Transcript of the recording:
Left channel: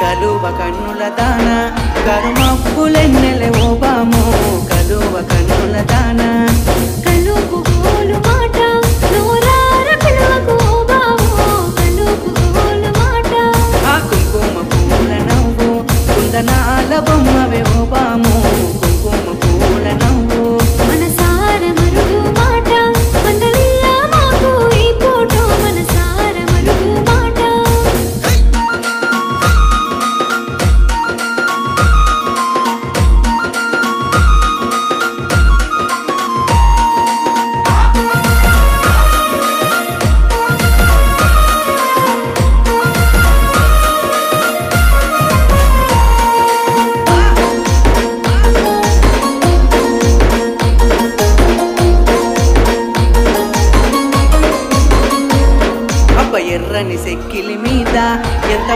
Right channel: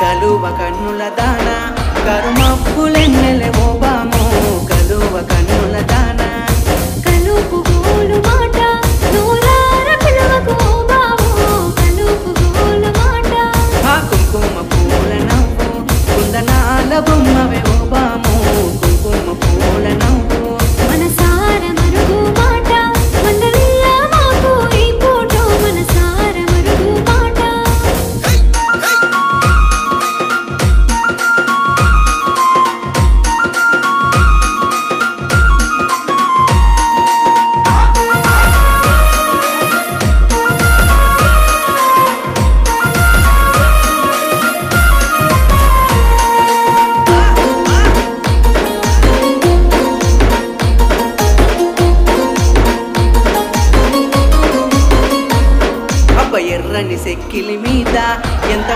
కలువ కన్నుల దాన కరుమప్పులెన్నెలే ఓ బామో కలువ కన్నుల దాన కలుపు గోలు మాట నూరార పిలువకు ఓ బావో కలుపు గోలు మాట ఆ కుంకుమ పూల నవ్వు కుందనాల బొమ్మవే ఓ బామో కుంకుమ పూల నవ్వు మనసార మరుగు మాట మండలియ మాకు ఈ పూట మనసార మరుగు మాట ఎర్రని సెక్కిలి మీద ఎంత